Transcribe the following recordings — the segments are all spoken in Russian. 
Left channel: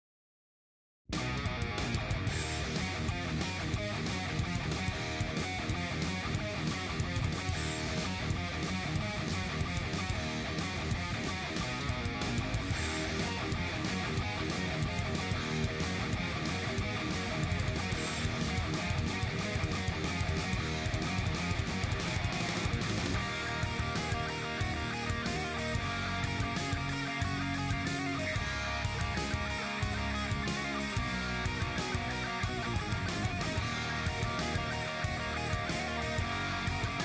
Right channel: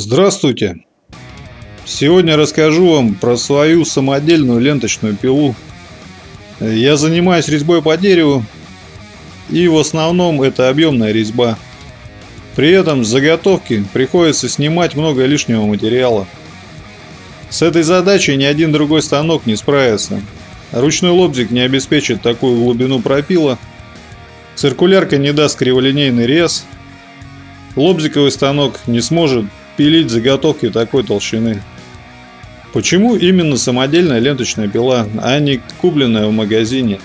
Здравствуйте! Сегодня расскажу вам про свою самодельную ленточную пилу. Я занимаюсь резьбой по дереву, и в основном это объемная резьба. При этом с заготовки приходится снимать много лишнего материала. С этой задачей ни один другой станок не справится. Ручной лобзик не обеспечит такую глубину пропила, циркулярка не даст криволинейный рез, лобзиковый станок не сможет пилить заготовки такой толщины. Почему именно самодельная ленточная пила, а не купленная в магазине?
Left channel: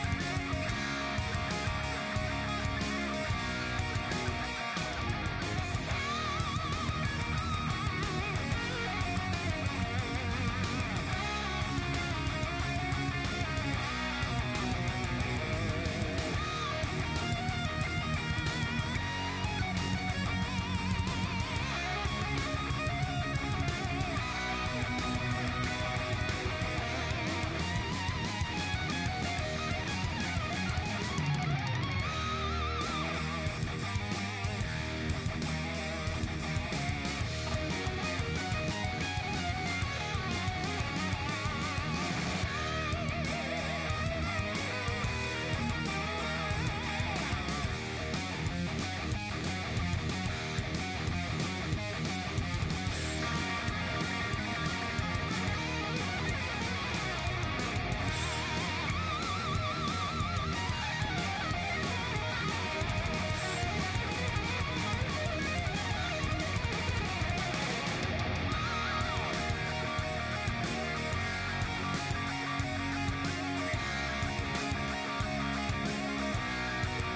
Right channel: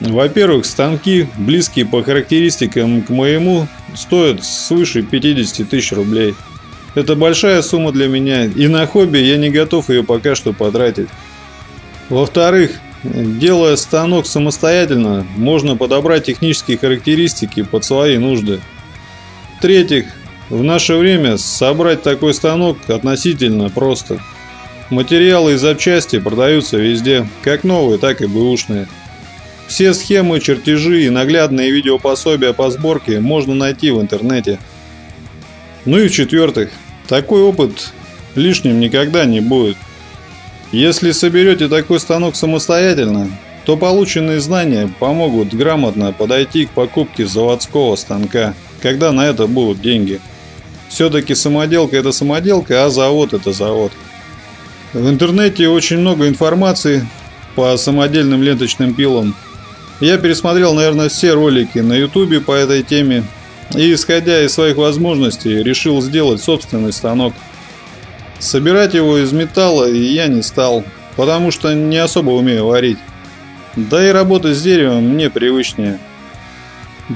Во-первых, станки, близкие по характеристикам к моему, стоят свыше 50 тысяч рублей. Это большая сумма для меня, и на хобби я не готов ее пока что потратить. Во-вторых, делая станок самостоятельно, можно подобрать технические характеристики под свои нужды. В-третьих, в наше время собрать такой станок относительно просто. Материалы и запчасти продаются везде, как новые, так и бэушные. Все схемы, чертежи и наглядные видеопособия по сборке можно найти в интернете. Ну и в-четвертых, такой опыт лишним никогда не будет. Если соберете такой станок самостоятельно, то полученные знания помогут грамотно подойти к покупке заводского станка, когда на это будут деньги. Все-таки самоделка это самоделка, а завод это завод. В интернете очень много информации по самодельным ленточным пилам. Я пересмотрел, наверное, все ролики на YouTube по этой теме и, исходя из своих возможностей, решил сделать собственный станок. Собирать его из металла я не стал, потому что не особо умею варить. Да и работать с деревом мне привычнее.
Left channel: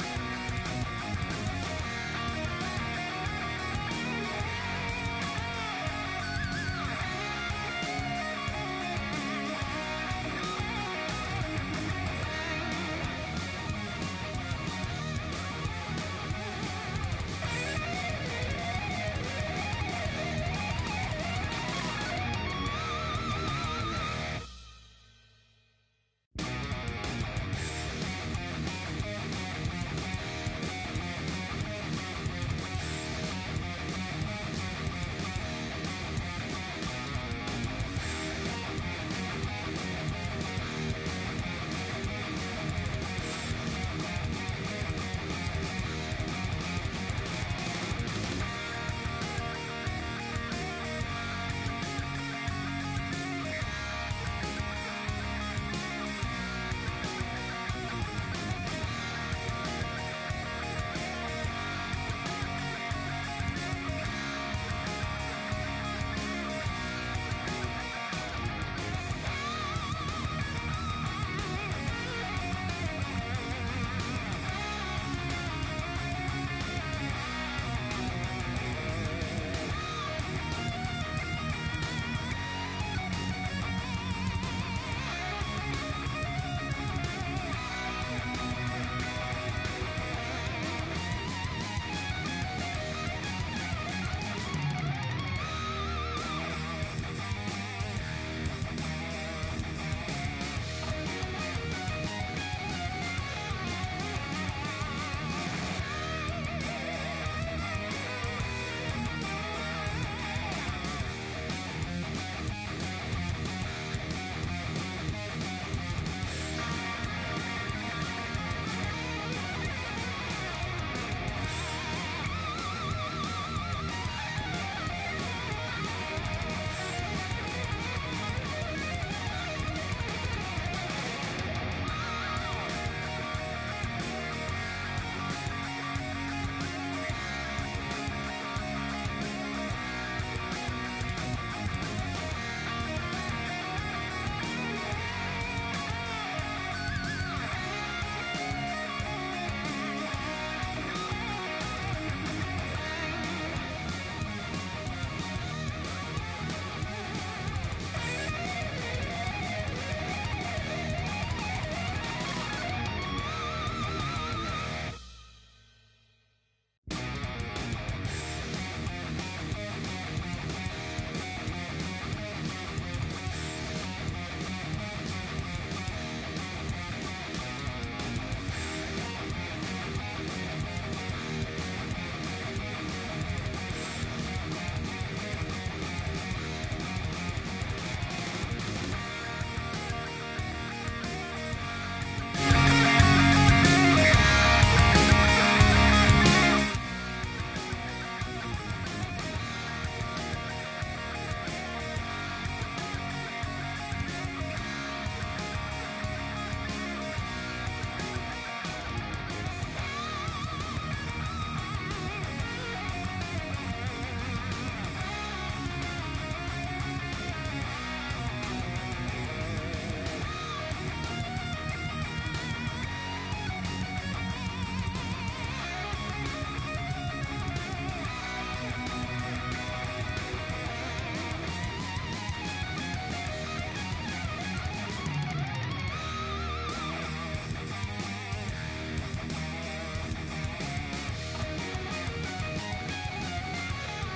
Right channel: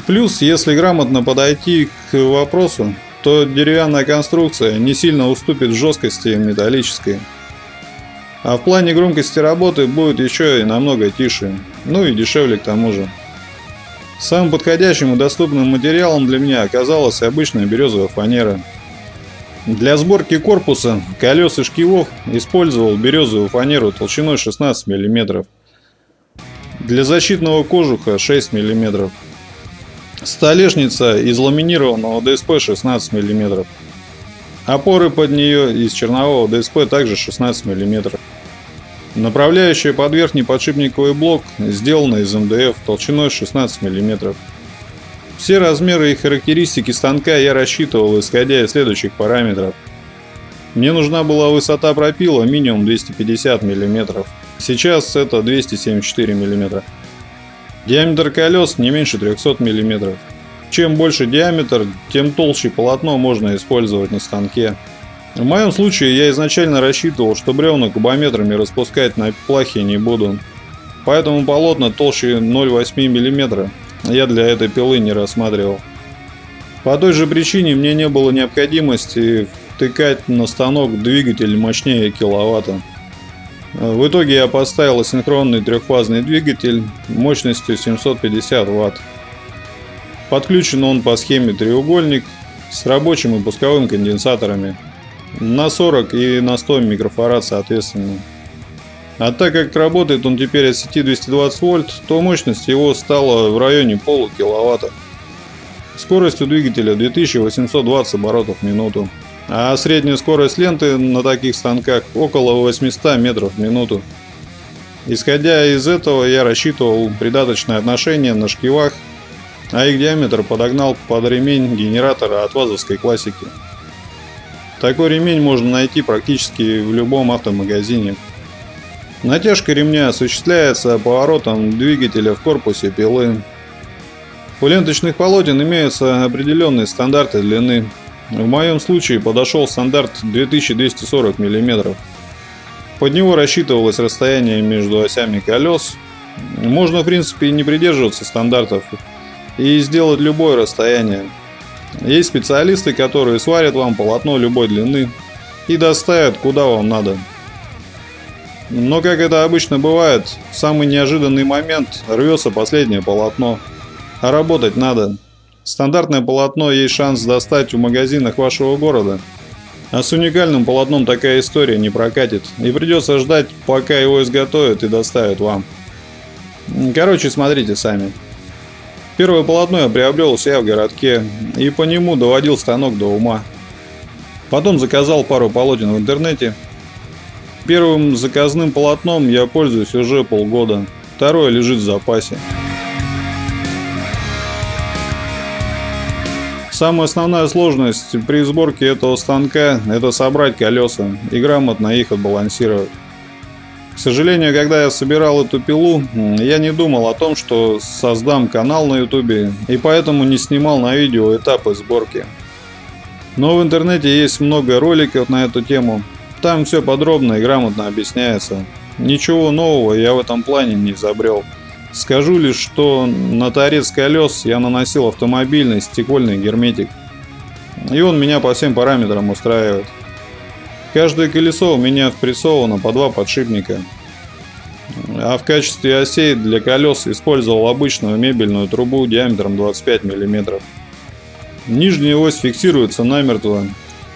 Плюс, если грамотно подойти к вопросу, то деревянная конструкция не сильно уступит в жесткости металлической. А в плане громкости работы будет еще и намного тише, ну и дешевле к тому же. Самым подходящим и доступным материалом для меня оказалась обычная березовая фанера. Для сборки корпуса, колес и шкивов использовал березовую фанеру толщиной 16 мм. Для защитного кожуха 6 мм. Столешница из ламинированного ДСП 16 мм. Опоры под нее из чернового ДСП также 16 мм. Направляющая под верхний подшипниковый блок сделана из МДФ толщиной 16 мм. Все размеры и характеристики станка я рассчитывал, исходя из следующих параметров. Мне нужна была высота пропила минимум 250 мм. Сейчас это 274 мм. Диаметр колес не меньше 300 мм. Чем больше диаметр, тем толще полотно можно использовать на станке. В моем случае я изначально рассчитывал, что бревна кубометрами распускать на плахе не буду. Поэтому полотна толще 0,8 мм я для этой пилы не рассматривал. По той же причине мне не было необходимости втыкать на станок двигатель мощнее киловатта. В итоге я поставил асинхронный трехфазный двигатель мощностью 750 Вт. Подключен он по схеме треугольник с рабочим и пусковым конденсаторами на 40 и на 100 микрофарад соответственно. А так как работает он теперь от сети 220 вольт, то мощность его стала в районе полукиловатта. Скорость у двигателя 2820 оборотов в минуту, а средняя скорость ленты на таких станках около 800 метров в минуту. Исходя из этого я рассчитывал придаточное отношение на шкивах, а их диаметр подогнал под ремень генератора от вазовской классики. Такой ремень можно найти практически в любом автомагазине. Натяжка ремня осуществляется поворотом двигателя в корпусе пилы. У ленточных полотен имеются определенные стандарты длины. В моем случае подошел стандарт 2240 мм. Под него рассчитывалось расстояние между осями колес. Можно в принципе не придерживаться стандартов и сделать любое расстояние. Есть специалисты, которые сварят вам полотно любой длины и доставят куда вам надо. Но как это обычно бывает, в самый неожиданный момент рвется последнее полотно, а работать надо. Стандартное полотно есть шанс достать в магазинах вашего города, а с уникальным полотном такая история не прокатит, и придется ждать, пока его изготовят и доставят вам. Короче, смотрите сами. Первое полотно я приобрел у себя в городке и по нему доводил станок до ума. Потом заказал пару полотен в интернете. Первым заказным полотном я пользуюсь уже полгода. Второе лежит в запасе. Самая основная сложность при сборке этого станка – это собрать колеса и грамотно их отбалансировать. К сожалению, когда я собирал эту пилу, я не думал о том, что создам канал на ютубе, и поэтому не снимал на видео этапы сборки. Но в интернете есть много роликов на эту тему, там все подробно и грамотно объясняется. Ничего нового я в этом плане не изобрел. Скажу лишь, что на торец колес я наносил автомобильный стекольный герметик, и он меня по всем параметрам устраивает. Каждое колесо у меня впрессовано по 2 подшипника, а в качестве осей для колес использовал обычную мебельную трубу диаметром 25 мм. Нижняя ось фиксируется намертво,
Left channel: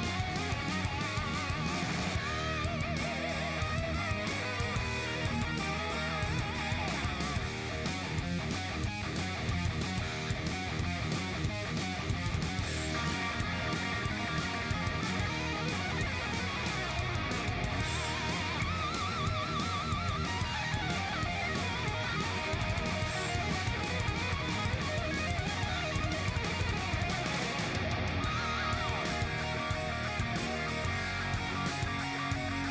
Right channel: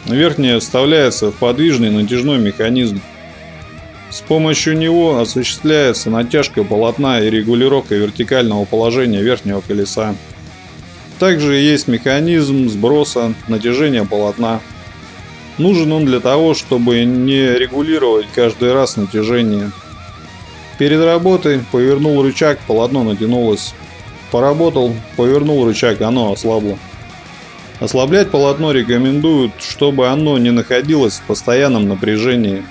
верхняя вставляется в подвижный натяжной механизм. С помощью него осуществляется натяжка полотна и регулировка вертикального положения верхнего колеса. Также есть механизм сброса натяжения полотна. Нужен он для того, чтобы не регулировать каждый раз натяжение. Перед работой повернул рычаг, полотно натянулось. Поработал, повернул рычаг, оно ослабло. Ослаблять полотно рекомендуют, чтобы оно не находилось в постоянном напряжении.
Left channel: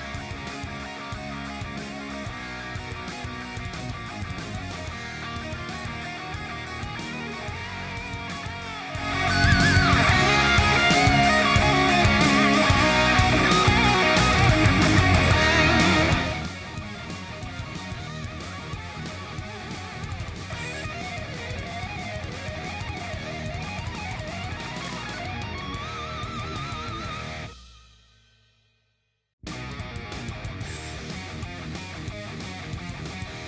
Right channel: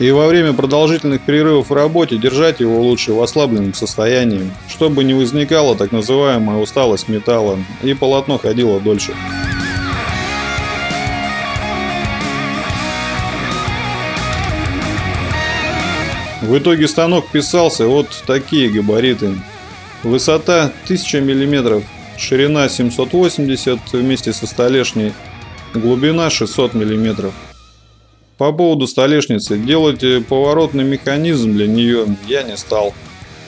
И во время продолжительных перерывов в работе держать его лучше в ослабленном состоянии, чтобы не возникала так называемая усталость металла и полотно ходило дольше. В итоге станок вписался вот в такие габариты. Высота 1000 мм, ширина 780 вместе со столешней, глубина 600 мм. По поводу столешницы, делать поворотный механизм для нее я не стал,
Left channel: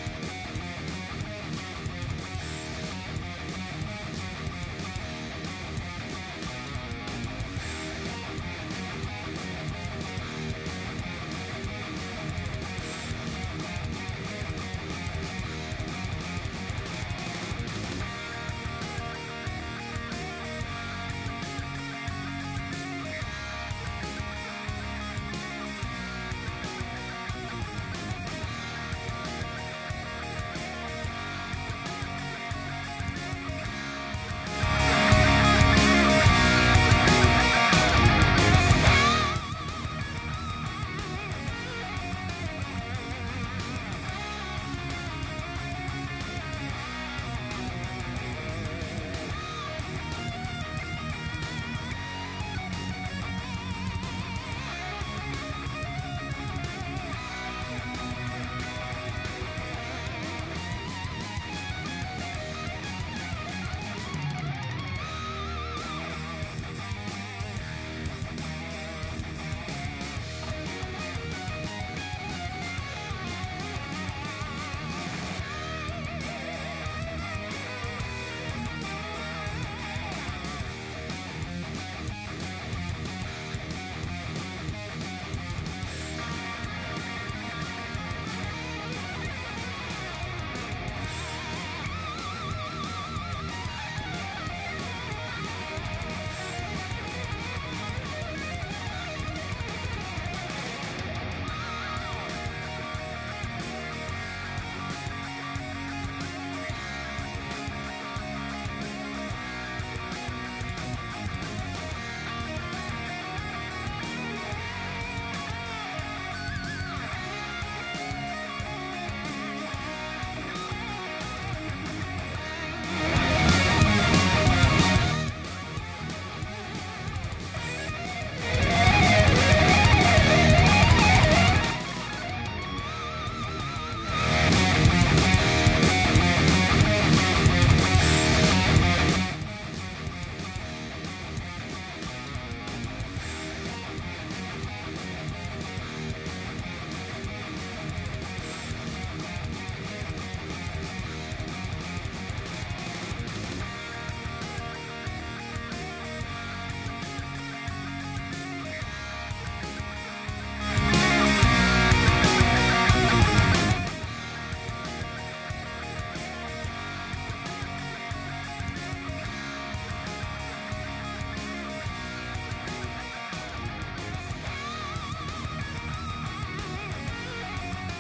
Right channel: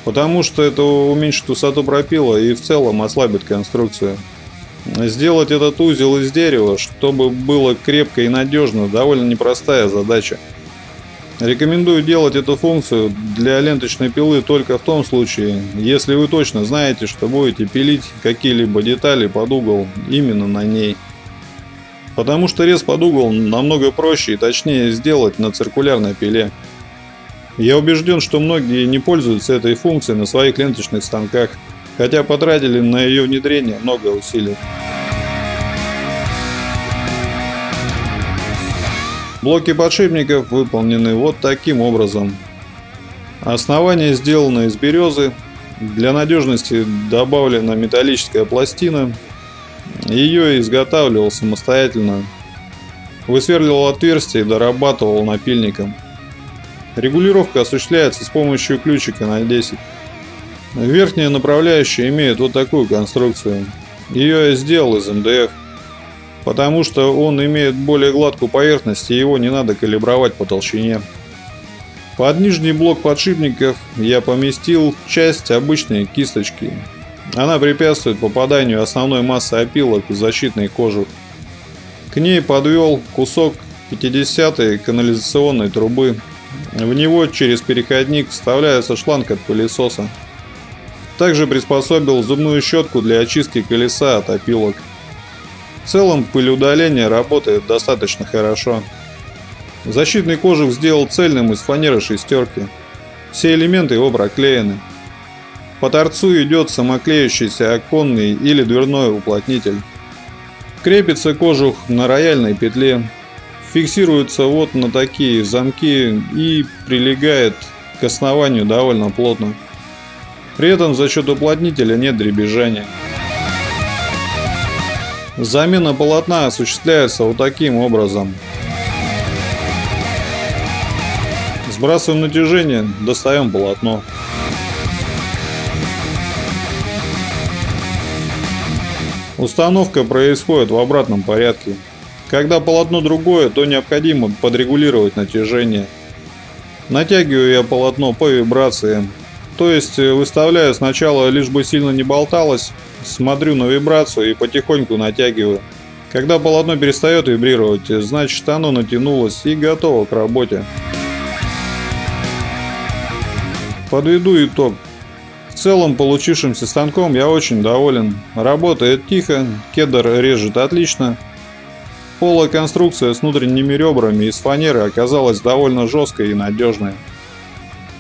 потому что это уменьшит высоту пропила и в целом ослабит конструкцию. Сделать этот узел из дерева, чтобы было крепко и надежно, довольно непростая задача. Рекомендую делать эту функцию для ленточной пилы только в том случае, если вы точно знаете, что будете пилить какие-либо детали под угол именно на ней. Потому что рез под угол намного проще и точнее сделать на циркулярной пиле. Я убежден, что многие не пользуются этой функцией на своих ленточных станках, хотя потратили на ее внедрение много усилий. Блоки подшипников выполнены вот таким образом. Основание сделано из березы. Для надежности добавлена металлическая пластина. Ее изготавливал самостоятельно. Высверливал отверстие и дорабатывал напильником. Регулировка осуществляется с помощью ключика на 10. Верхняя направляющая имеет вот такую конструкцию. Ее я сделал из МДФ, потому что он имеет более гладкую поверхность и его не надо калибровать по толщине. Под нижний блок подшипников я поместил часть обычной кисточки. Она препятствует попаданию основной массы опилок в защитный кожух. К ней подвел кусок 50-й канализационной трубы. В него через переходник вставляется шланг от пылесоса. Также приспособил зубную щетку для очистки колеса от опилок. В целом пылеудаление работает достаточно хорошо. Защитный кожух сделал цельным из фанеры шестерки. Все элементы его проклеены. По торцу идет самоклеющийся оконный или дверной уплотнитель. Крепится кожух на рояльной петле. Фиксируется вот на такие замки и прилегает к основанию довольно плотно. При этом за счет уплотнителя нет дребезжания. Замена полотна осуществляется вот таким образом. Сбрасываем натяжение, достаем полотно. Установка происходит в обратном порядке. Когда полотно другое, то необходимо подрегулировать натяжение. Натягиваю я полотно по вибрации. То есть выставляю сначала, лишь бы сильно не болталось, смотрю на вибрацию и потихоньку натягиваю. Когда полотно перестает вибрировать, значит оно натянулось и готово к работе. Подведу итог. В целом получившимся станком я очень доволен. Работает тихо, кедр режет отлично. Полая конструкция с внутренними ребрами из фанеры оказалась довольно жесткой и надежной.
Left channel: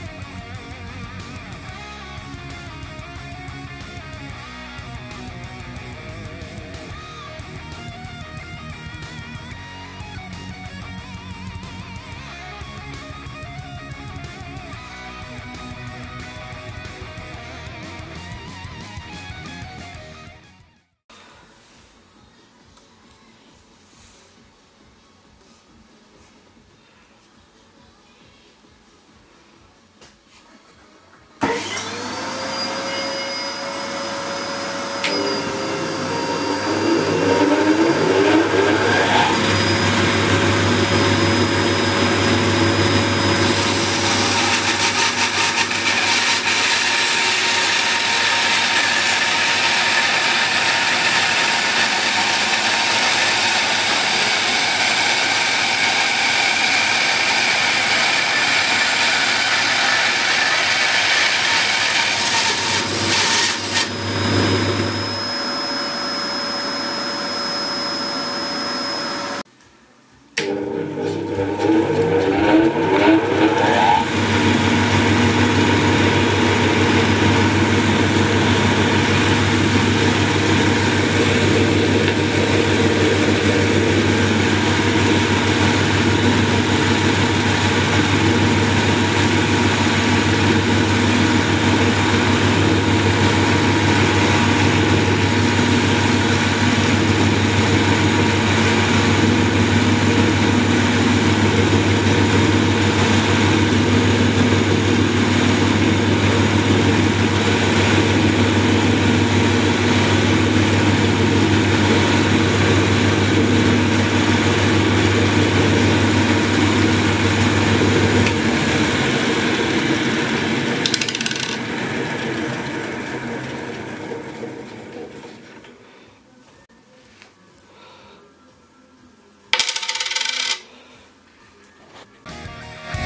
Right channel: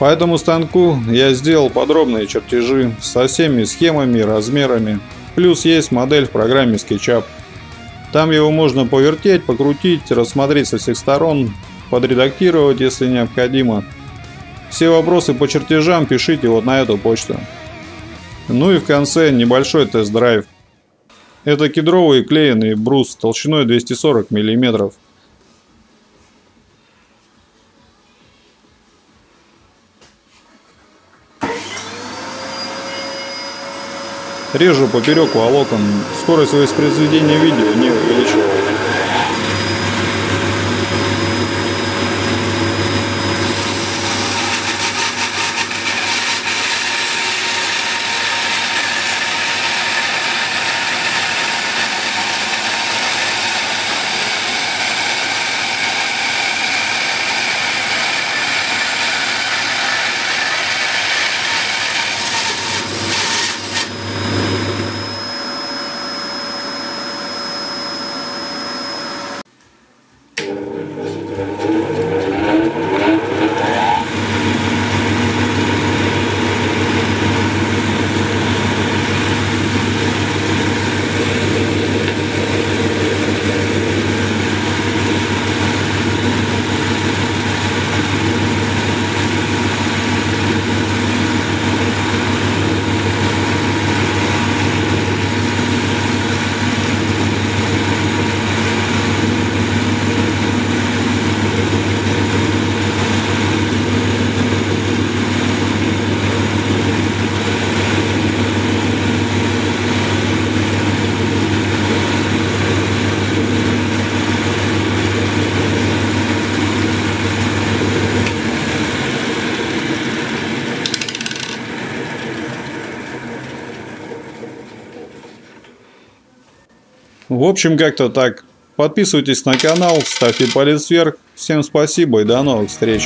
По этому станку я сделал подробные чертежи со всеми схемами и размерами. Плюс есть модель в программе SketchUp. Там его можно повертеть, покрутить, рассмотреть со всех сторон, подредактировать, если необходимо. Все вопросы по чертежам пишите вот на эту почту. Ну и в конце небольшой тест-драйв. Это кедровый клееный брус толщиной 240 мм. Режу поперек волокон. Скорость воспроизведения видео не увеличиваю. В общем, как-то так. Подписывайтесь на канал, ставьте палец вверх. Всем спасибо и до новых встреч.